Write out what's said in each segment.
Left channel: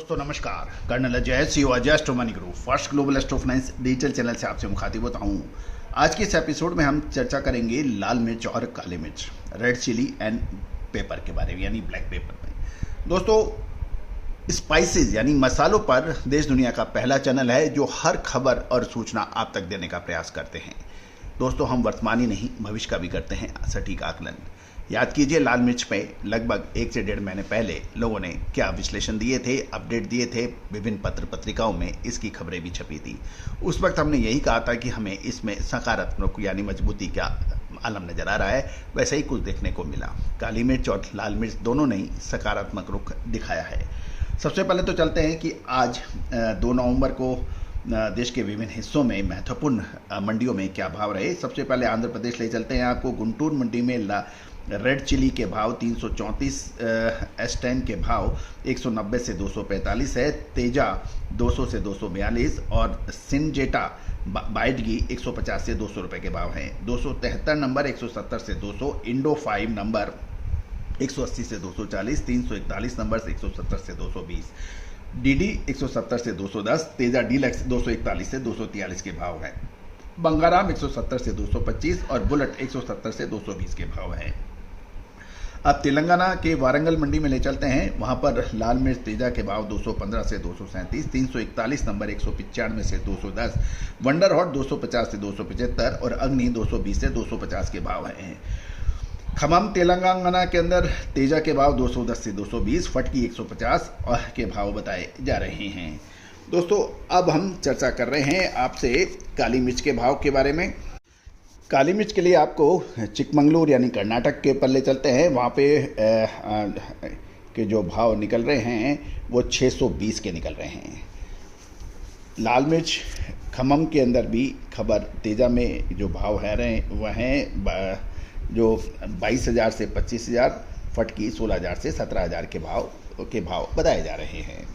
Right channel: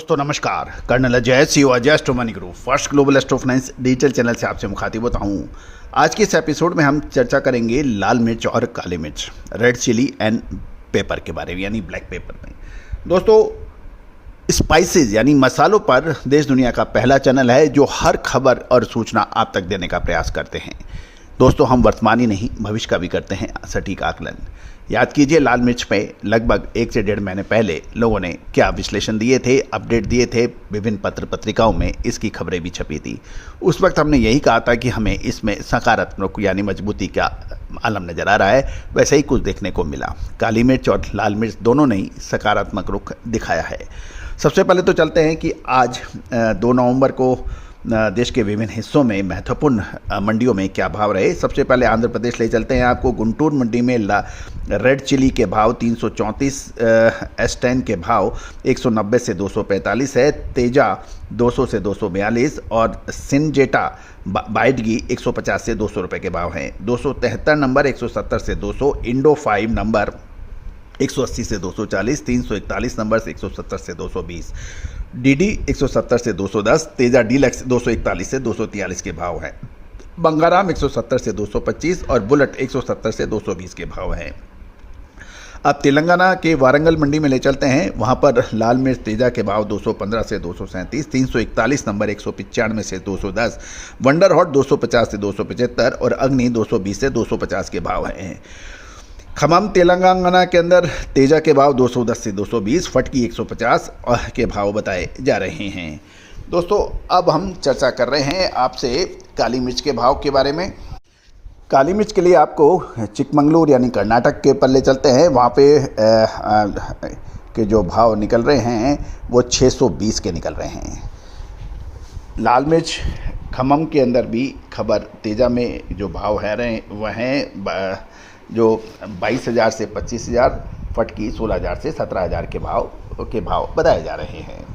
दोस्तों नमस्कार। Colonel Ajay CO Ajay astro money group first global astro finance digital channel से आपसे मुखातिब होता हूँ। आज के इस एपिसोड में हम चर्चा करेंगे लाल मिर्च और काली मिर्च, रेड चिली एंड पेपर के बारे में, यानी ब्लैक पेपर में। दोस्तों, स्पाइसेस यानी मसालों पर देश दुनिया का पहला चैनल है जो हर खबर और सूचना आप तक देने का प्रयास करते हैं। दोस्तों, हम वर्तमान ही नहीं भविष्य का भी करते हैं सटीक आकलन। याद कीजिए, लाल मिर्च में लगभग 1 से 1.5 महीने पहले लोगों ने क्या विश्लेषण दिए थे, अपडेट दिए थे, विभिन्न पत्र पत्रिकाओं में इसकी खबरें भी छपी थी। उस वक्त हमने यही कहा था कि हमें इसमें सकारात्मक यानी मजबूती का आलम नज़र आ रहा है। वैसे ही कुछ देखने को मिला। काली मिर्च और लाल मिर्च दोनों ने ही सकारात्मक रुख दिखाया है। सबसे पहले तो चलते हैं कि आज 2 नवंबर को देश के विभिन्न हिस्सों में महत्वपूर्ण मंडियों में क्या भाव रहे। सबसे पहले आंध्र प्रदेश ले चलते हैं आपको। गुंटूर मंडी में रेड चिली के भाव 334, S10 के भाव 190 से 245 है, तेजा 200 से 242 और सिंजेटा बाइडगी 150 से 200 रुपये के भाव हैं। 273 नंबर 170 से 200, इंडो 5 नंबर 180 से 240, 341 नंबर से 170 से 220, डीडी 170 से 210, तेजा डीलक्स 241 से 243 के भाव हैं। बंगाराम 170 से 225 और बुलेट 170 से 220 के भाव हैं। अब तेलंगाना के वारंगल मंडी में ले चलते हैं। वहां पर लाल मिर्च तेजा के भाव 215 से 237, 341 नंबर 195 से 210, वंडर हॉट 250 से 275 और अग्नि 220 से 250 के भाव हैं। खमम तेलंगाना के अंदर तेजा के भाव 210 से 220, फटकी 150 के भाव बताए जा रहे हैं। दोस्तों, अब हम चर्चा कर रहे हैं आपसे काली मिर्च के भाव के बारे में। काली मिर्च के लिए आपको चिकमंगलूर यानी कर्नाटक के पल्ले चलते हैं। वहाँ पे के जो भाव निकल रहे हैं वो 620 के निकल रहे हैं। लाल मिर्च खमम के अंदर भी खबर तेजा में जो भाव है रहे वह हैं जो 22,000 से 25,000, फटकी 16,000 से 17,000 के भाव बताए जा रहे हैं।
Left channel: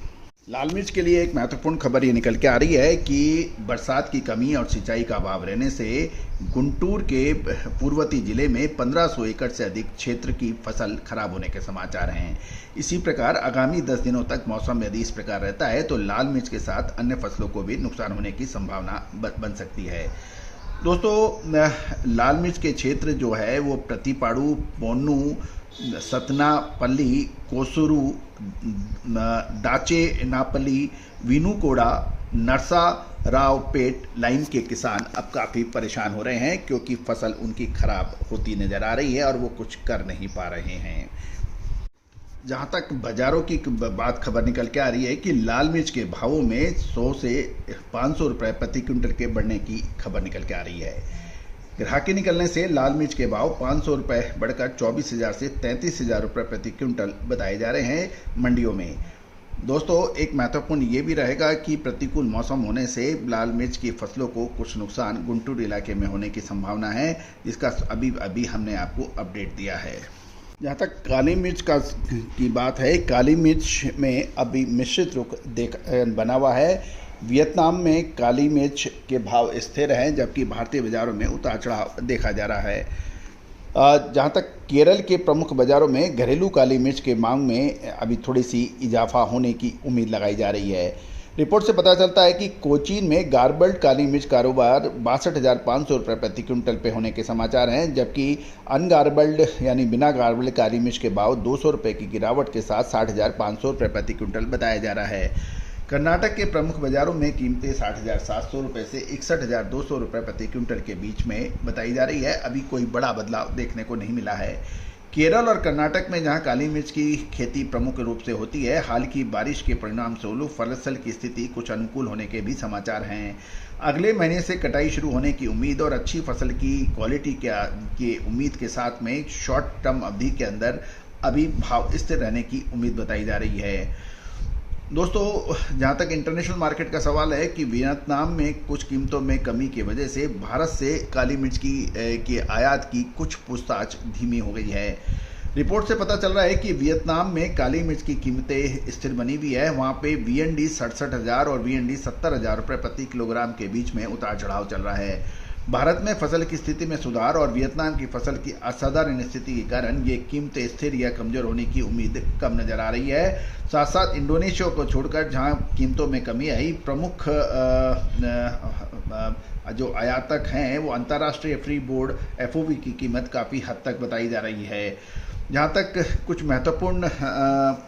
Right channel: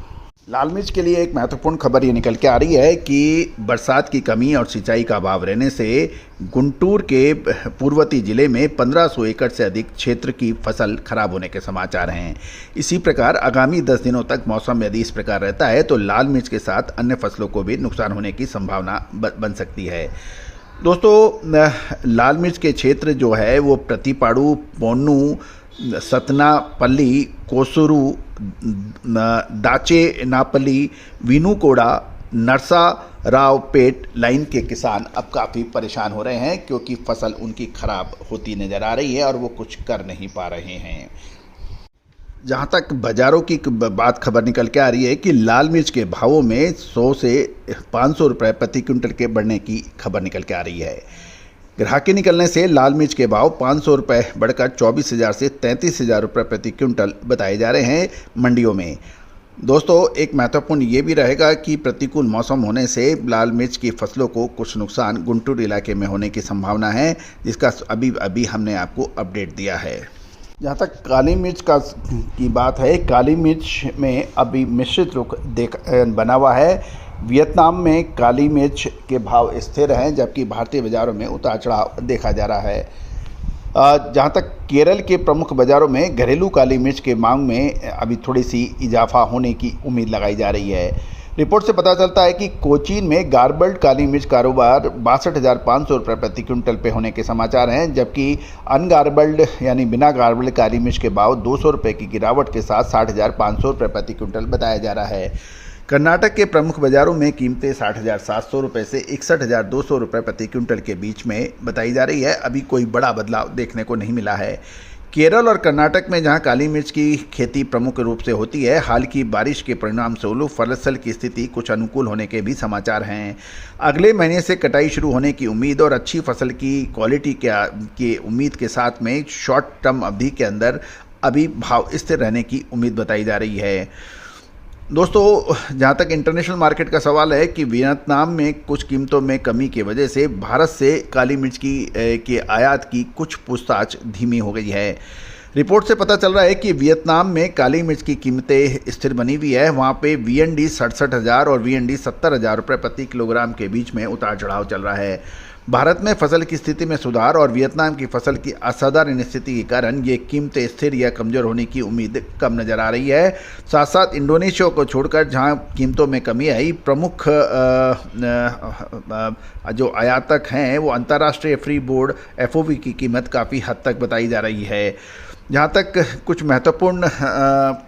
लाल मिर्च के लिए एक महत्वपूर्ण खबर ये निकल के आ रही है कि बरसात की कमी और सिंचाई का अभाव रहने से गुंटूर के पूर्ववर्ती जिले में 1500 एकड़ से अधिक क्षेत्र की फसल खराब होने के समाचार हैं। इसी प्रकार आगामी 10 दिनों तक मौसम यदि इस प्रकार रहता है तो लाल मिर्च के साथ अन्य फसलों को भी नुकसान होने की संभावना बन सकती है। दोस्तों, लाल मिर्च के क्षेत्र जो है वो प्रतिपाड़ू, पोन्नू, सतनापल्ली, कोसुरू, दाचेनापल्ली, विनुकोड़ा, नरसारावपेट लाइन के किसान अब काफ़ी परेशान हो रहे हैं क्योंकि फसल उनकी खराब होती नज़र आ रही है और वो कुछ कर नहीं पा रहे हैं। जहाँ तक बाज़ारों की बात खबर निकल के आ रही है कि लाल मिर्च के भावों में 100 से 500 रुपये प्रति क्विंटल के बढ़ने की खबर निकल के आ रही है। ग्राहकी निकलने से लाल मिर्च के भाव 500 रुपये बढ़कर 24,000 से 33,000 रुपये प्रति क्विंटल बताए जा रहे हैं मंडियों में। दोस्तों, एक महत्वपूर्ण ये भी रहेगा कि प्रतिकूल मौसम होने से लाल मिर्च की फसलों को कुछ नुकसान गुंटूर इलाके में होने की संभावना है, जिसका अभी हमने आपको अपडेट दिया है। जहाँ तक काली मिर्च की बात है, काली मिर्च में अभी मिश्रित रुख बना हुआ है। वियतनाम में काली मिर्च के भाव स्थिर हैं जबकि भारतीय बाज़ारों में उतार चढ़ाव देखा जा रहा है। जहाँ तक केरल के प्रमुख बाज़ारों में घरेलू काली मिर्च के मांग में अभी थोड़ी सी इजाफा होने की उम्मीद लगाई जा रही है। रिपोर्ट से पता चलता है कि कोचीन में गार्बल्ड काली मिर्च कारोबार 62,500 रुपये प्रति क्विंटल पे होने के समाचार हैं, जबकि अनगार्बल्ड यानी बिना गार्बल्ड काली मिर्च के भाव 200 रुपये की गिरावट के साथ 60,500 रुपये प्रति क्विंटल बताया जा रहा है। कर्नाटक के प्रमुख बाज़ारों में कीमतें 60,700 रुपये से 61,200 रुपये प्रति क्विंटल के बीच में बताई जा रही है। अभी कोई बड़ा बदलाव देखने को नहीं मिला है। केरल और कर्नाटक में जहां काली मिर्च की खेती प्रमुख रूप से होती है, हाल की बारिश के परिणाम स्वरूप फसल की स्थिति कुछ अनुकूल होने के भी समाचार हैं। अगले महीने से कटाई शुरू होने की उम्मीद और अच्छी फसल की क्वालिटी की उम्मीद के साथ में शॉर्ट टर्म अवधि के अंदर अभी भाव स्थिर रहने की उम्मीद बताई जा रही है। दोस्तों, जहाँ तक इंटरनेशनल मार्केट का सवाल है कि वियतनाम में कुछ कीमतों में कमी की वजह से भारत से काली मिर्च की आयात की कुछ पूछताछ धीमी हो गई है। रिपोर्ट से पता चल रहा है कि वियतनाम में काली मिर्च की कीमतें स्थिर बनी हुई है। वहाँ पे VND 67,000 और VND 70,000 रुपये प्रति किलोग्राम के बीच में उतार चढ़ाव चल रहा है। भारत में फसल की स्थिति में सुधार और वियतनाम की फसल की असाधारण स्थिति के कारण ये कीमतें स्थिर या कमज़ोर होने की उम्मीद कम नज़र आ रही है। साथ साथ इंडोनेशिया को छोड़कर जहां कीमतों में कमी आई, प्रमुख जो आयातक हैं वो अंतर्राष्ट्रीय फ्री बोर्ड FOB की कीमत काफ़ी हद तक बताई जा रही है। जहाँ तक कुछ महत्वपूर्ण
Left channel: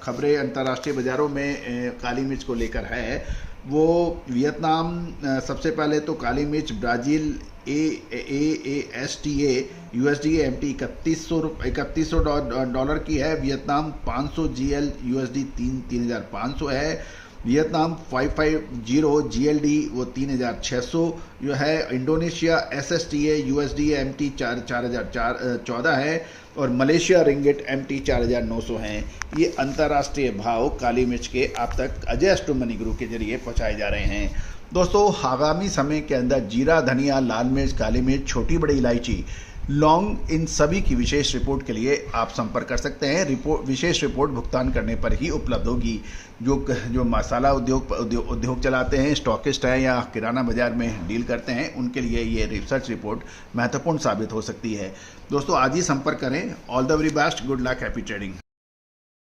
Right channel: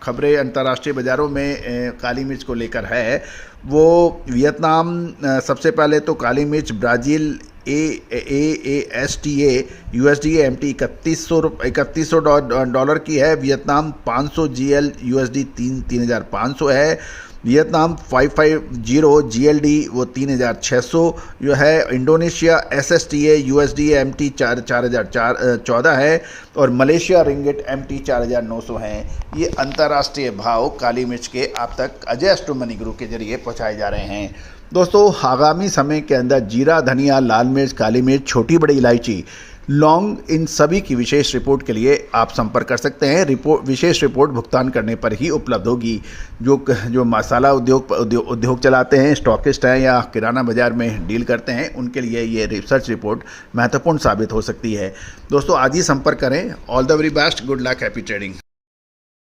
खबरें अंतर्राष्ट्रीय बाज़ारों में काली मिर्च को लेकर है, वो वियतनाम सबसे पहले तो काली मिर्च ब्राज़ील AASTA USD MT $3100 की है। वियतनाम 500 GL USD 3500 है। वियतनाम 550 GLD वो 3600 जो है। इंडोनेशिया SSTA USD MT 4014 है और मलेशिया रिंगिट MT 4900 हैं। ये अंतर्राष्ट्रीय भाव काली मिर्च के आप तक अजय एस्ट्रो मनी ग्रुप के जरिए पहुंचाए जा रहे हैं। दोस्तों, आगामी समय के अंदर जीरा, धनिया, लाल मिर्च, काली मिर्च, छोटी बड़ी इलायची, लौंग, इन सभी की विशेष रिपोर्ट के लिए आप संपर्क कर सकते हैं। विशेष रिपोर्ट भुगतान करने पर ही उपलब्ध होगी। जो मसाला उद्योग चलाते हैं, स्टॉकिस्ट हैं या किराना बाजार में डील करते हैं, उनके लिए ये रिसर्च रिपोर्ट महत्वपूर्ण साबित हो सकती है। दोस्तों, आज ही संपर्क करें। All the very best, good luck, happy trading.